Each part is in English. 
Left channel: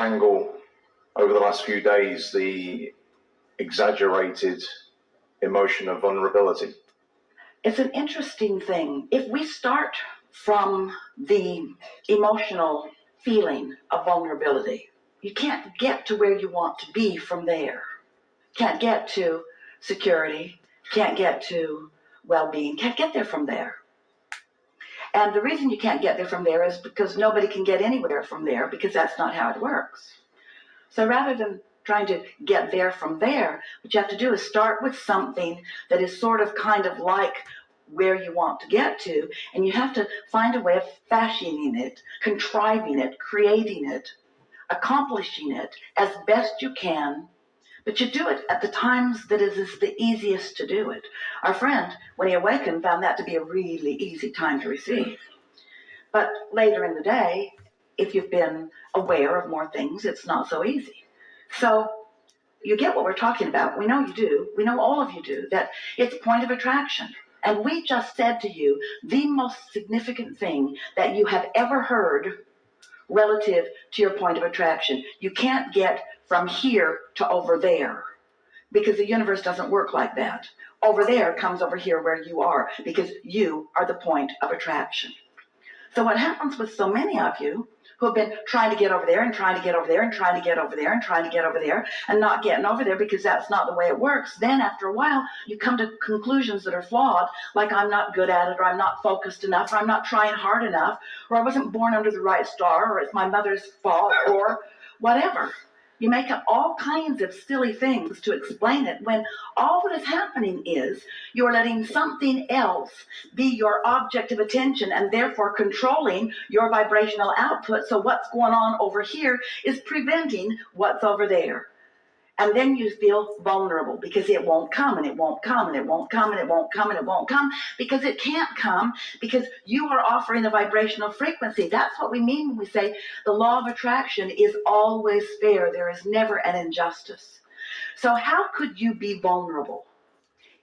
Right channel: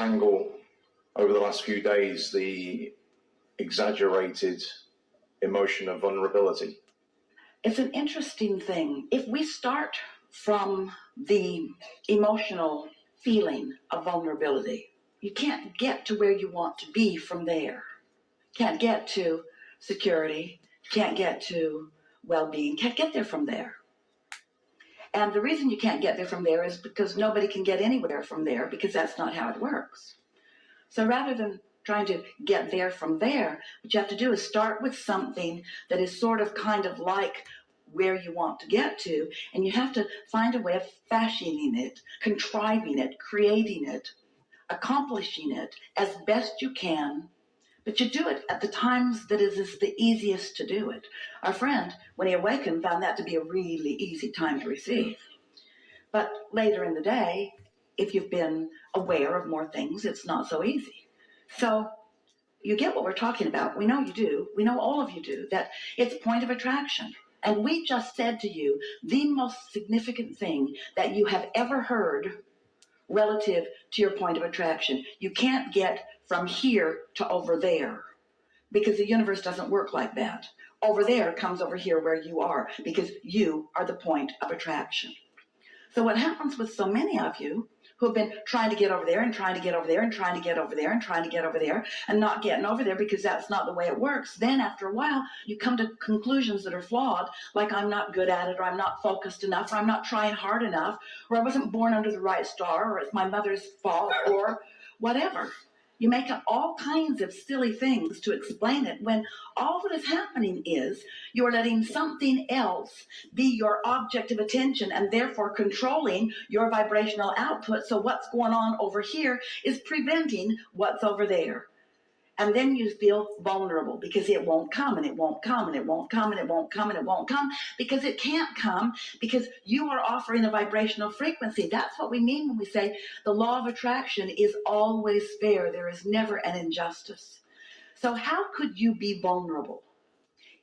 untangle over the last few days the exaggerated emotion of vulnerability. It's an interesting thing. If we start from the emotional feeling of vulnerability, you can't get to where you want to be from there. Can't get to security, can't get to well-being, can't get there from there. And the reason you can't get there from there is because nobody can get anywhere from there, because that's not how it works. So rather than trying to get there from there, what you have to do is start with something that is sort of kind of like where you want to get to, and you have to find a way of fashioning it, contriving it, creating it, accomplishing it as best you can, but you do it at the times that is the easiest to do it. Our friend, when he awakened, found that to be a really easy time to receive. But later in the day, if you've been aware of more things, it's not so easy. So you get what we're talking about. We know you do. We know all of you do, that it's point of attraction. And we just said to you the most significant thing that you have ever heard relative to your point of attraction. You can't get from here to over there, because the universe doesn't work like that. Over there comes over here where you are, because you are the point of attraction. So what happens with so many of you who have been trying to get over there and trying to get over there and trying to get over there and trying to get over there and not getting over there because that's not the way it works, then after a while you come to conclusions that are flawed, like I'm not good at it, or I'm not focused enough, or I'm not trying hard enough, or I wasn't born under the right star, or it's my mother's fault, or whatever. You make up all kinds of silly things to explain it, when all that is happening is you're letting something else be your object of attention and therefore controlling your vibrational output. So what's going on over here is preventing what's over there. And then you feel vulnerable because it won't come, and it won't come, and it won't come, and it won't come, and it won't come, because it can't come, because you are offering a vibrational frequency. That's what we mean when we say the law of attraction is always fair. There is never an injustice. So how could you be vulnerable?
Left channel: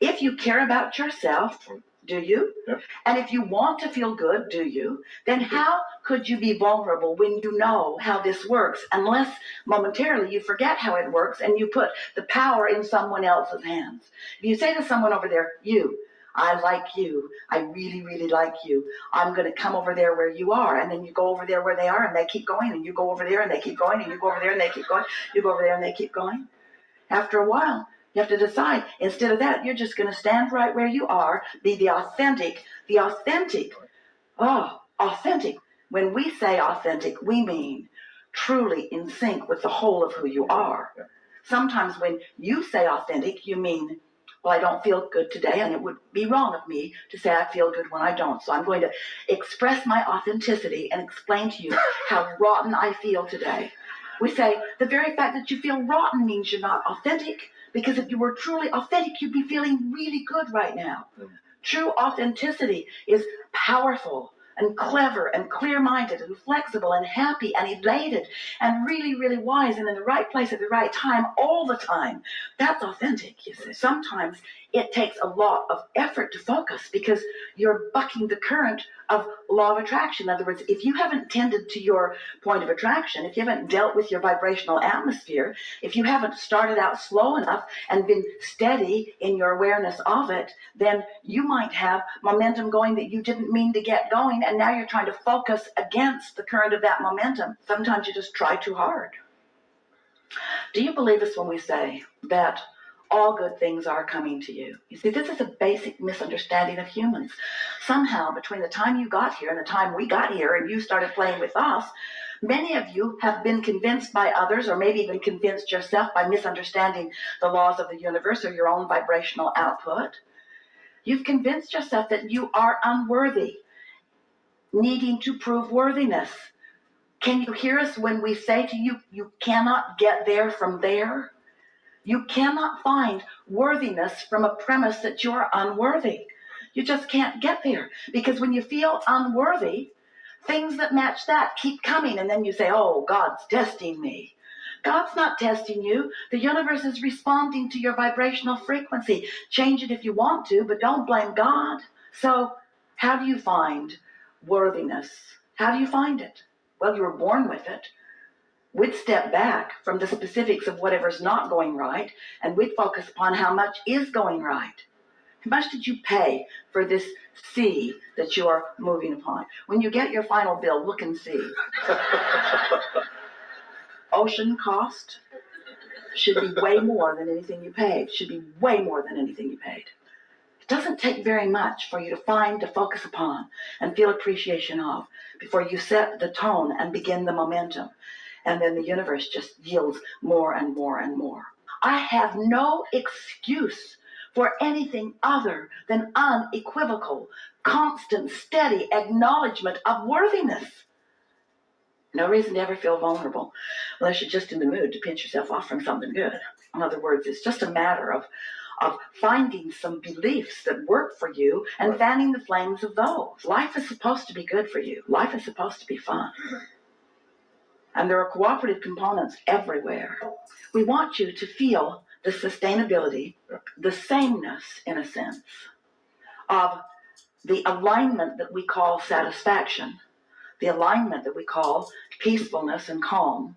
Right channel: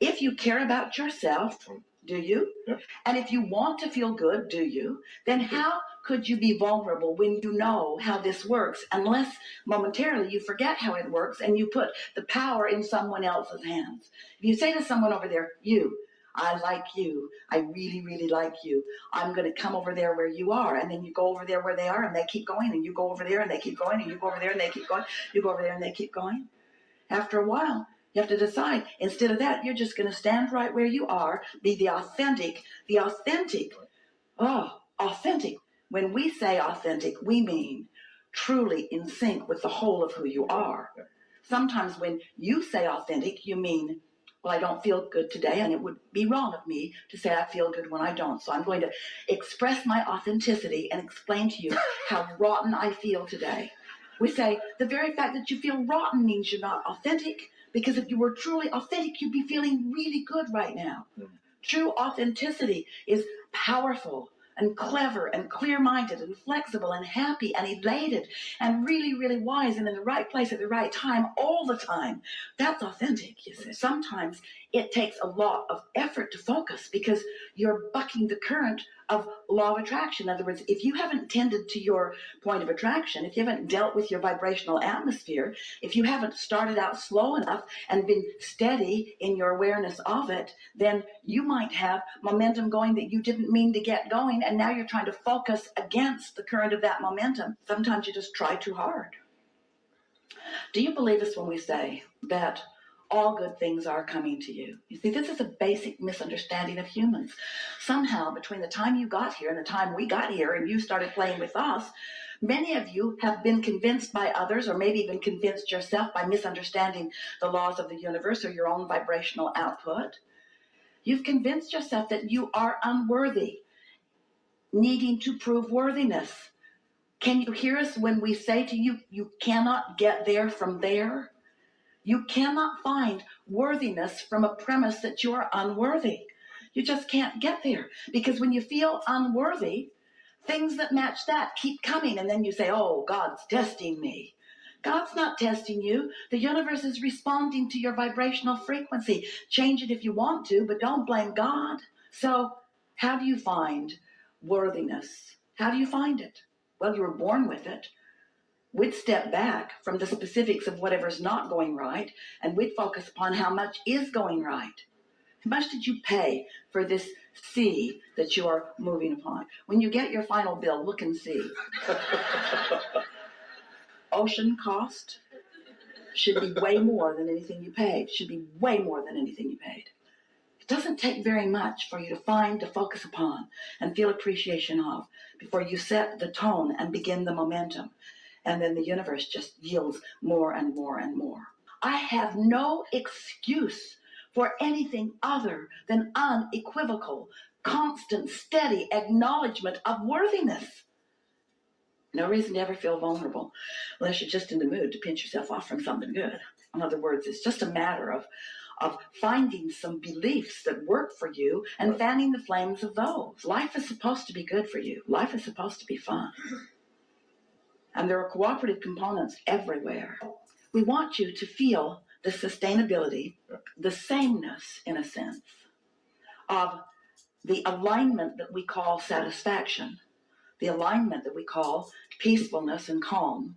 If you care about yourself, do you? Yep. And if you want to feel good, do you? Then how could you be vulnerable when you know how this works, unless momentarily you forget how it works and you put the power in someone else's hands? If you say to someone over there, you, I like you, I really, really like you, I'm going to come over there where you are, and then you go over there where they are and they keep going, and you go over there and they keep going, and you go over there and they keep going, you go over there and they keep going. After a while, you have to decide, instead of that, you're just going to stand right where you are, be the authentic. Authentic. When we say authentic, we mean truly in sync with the whole of who you are. Sometimes when you say authentic, you mean, well, I don't feel good today, and it would be wrong of me to say I feel good when I don't. So I'm going to express my authenticity and explain to you how rotten I feel today. We say the very fact that you feel rotten means you're not authentic, because if you were truly authentic, you'd be feeling really good right now. True authenticity is powerful and clever and clear-minded and flexible and happy and elated and really, really wise and in the right place at the right time all the time. That's authentic, you see. Sometimes it takes a lot of effort to focus because you're bucking the current of law of attraction. In other words, if you haven't tended to your point of attraction, if you haven't dealt with your vibrational atmosphere, if you haven't started out slow enough and been steady in your awareness of it, then you might have momentum going that you didn't mean to get going, and now you're trying to focus against the current of that momentum. Sometimes you just try too hard. Do you believe us when we say that all good things are coming to you? You see, this is a basic misunderstanding of humans. Somehow, between the time you got here and the time we got here and you started playing with us, many of you have been convinced by others, or maybe even convinced yourself by misunderstanding the laws of the universe or your own vibrational output. You've convinced yourself that you are unworthy, needing to prove worthiness. Can you hear us when we say to you, you cannot get there from there? You cannot find worthiness from a premise that you're unworthy. You just can't get there, because when you feel unworthy, things that match that keep coming, and then you say, oh, God's testing me. God's not testing you. The universe is responding to your vibrational frequency. Change it if you want to, but don't blame God. So how do you find worthiness? How do you find it? Well, you were born with it. we'd step back from the specifics of whatever's not going right, and we'd focus upon how much is going right. How much did you pay for this sea that you are moving upon? When you get your final bill, look and see. Ocean cost should be way more than anything you paid. Should be way more than anything you paid. It doesn't take very much for you to find, to focus upon, and feel appreciation of before you set the tone and begin the momentum. And then the universe just yields more and more and more. I have no excuse for anything other than unequivocal, constant, steady acknowledgement of worthiness. No reason to ever feel vulnerable unless you're just in the mood to pinch yourself off from something good. In other words, it's just a matter of finding some beliefs that work for you and fanning the flames of those. Life is supposed to be good for you. Life is supposed to be fun. And there are cooperative components everywhere. We want you to feel the sustainability, the sameness, in a sense, of the alignment that we call satisfaction, the alignment that we call peacefulness and calm,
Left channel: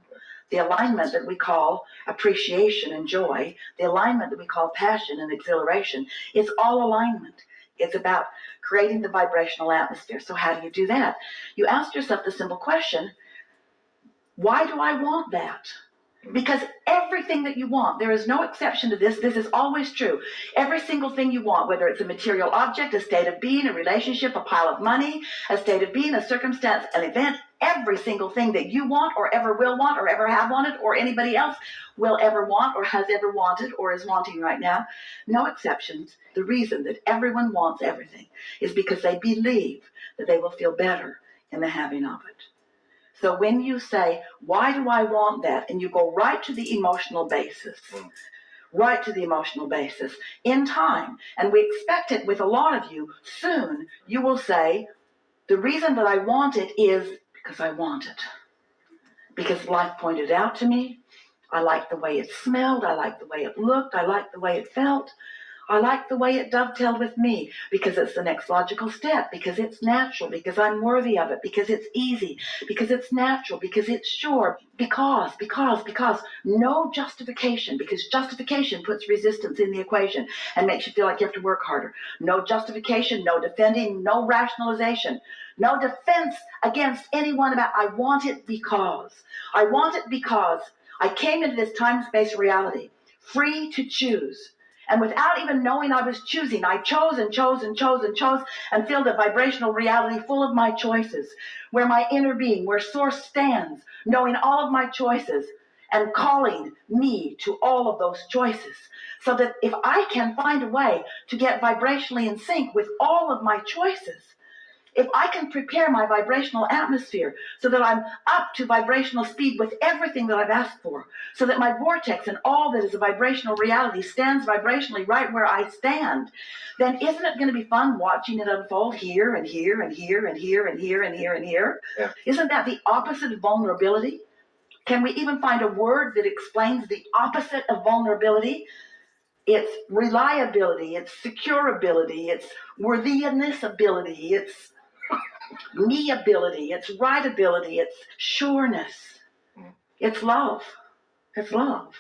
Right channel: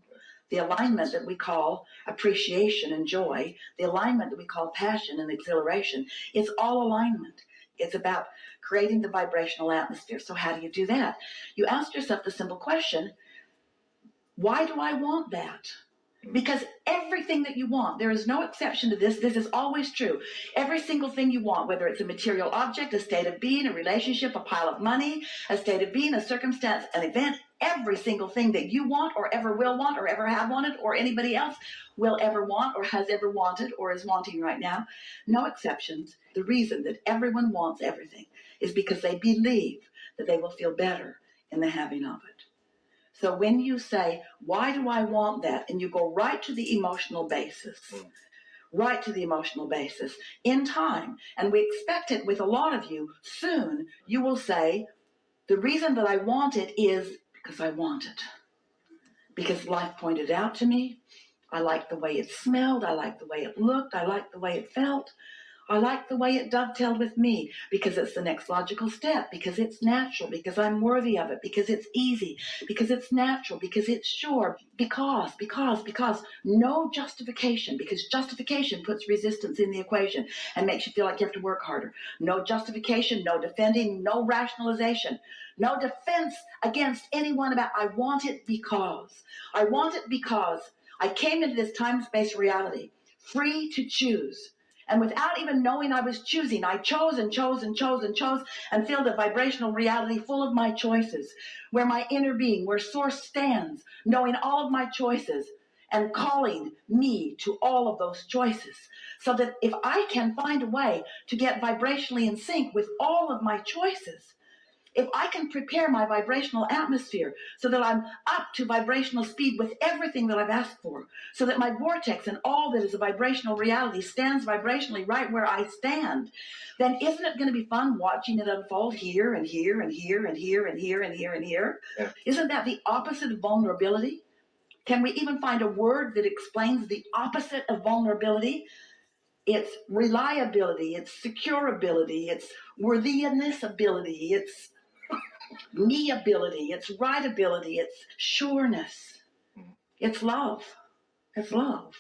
the alignment that we call appreciation and joy, the alignment that we call passion and exhilaration. It's all alignment. It's about creating the vibrational atmosphere. So how do you do that? You ask yourself the simple question, why do I want that? Because everything that you want, there is no exception to this. This is always true. Every single thing you want, whether it's a material object, a state of being, a relationship, a pile of money, a state of being, a circumstance, an event, every single thing that you want or ever will want or ever have wanted or anybody else will ever want or has ever wanted or is wanting right now, no exceptions. The reason that everyone wants everything is because they believe that they will feel better in the having of it. So when you say, why do I want that? And you go right to the emotional basis, right to the emotional basis in time. And we expect it with a lot of you. Soon you will say, the reason that I want it is because I want it. Because life pointed out to me. I like the way it smelled. I like the way it looked. I like the way it felt. I like the way it dovetailed with me because it's the next logical step, because it's natural, because I'm worthy of it, because it's easy, because it's natural, because it's sure, because no justification, because justification puts resistance in the equation and makes you feel like you have to work harder. No justification, no defending, no rationalization, no defense against anyone about I want it because. I want it because I came into this time-space reality free to choose. And without even knowing I was choosing, I chose and chose and chose and chose and filled a vibrational reality full of my choices, where my inner being, where Source stands, knowing all of my choices and calling me to all of those choices. So that if I can find a way to get vibrationally in sync with all of my choices, if I can prepare my vibrational atmosphere so that I'm up to vibrational speed with everything that I've asked for, so that my vortex and all that is a vibrational reality stands vibrationally right where I stand, then isn't it going to be fun watching it unfold here and here and here and here and here and here and here? Yeah. Isn't that the opposite of vulnerability? Can we even find a word that explains the opposite of vulnerability? It's reliability, it's securability, it's worthiness ability, it's me ability, it's right ability, it's sureness, it's love. It's love.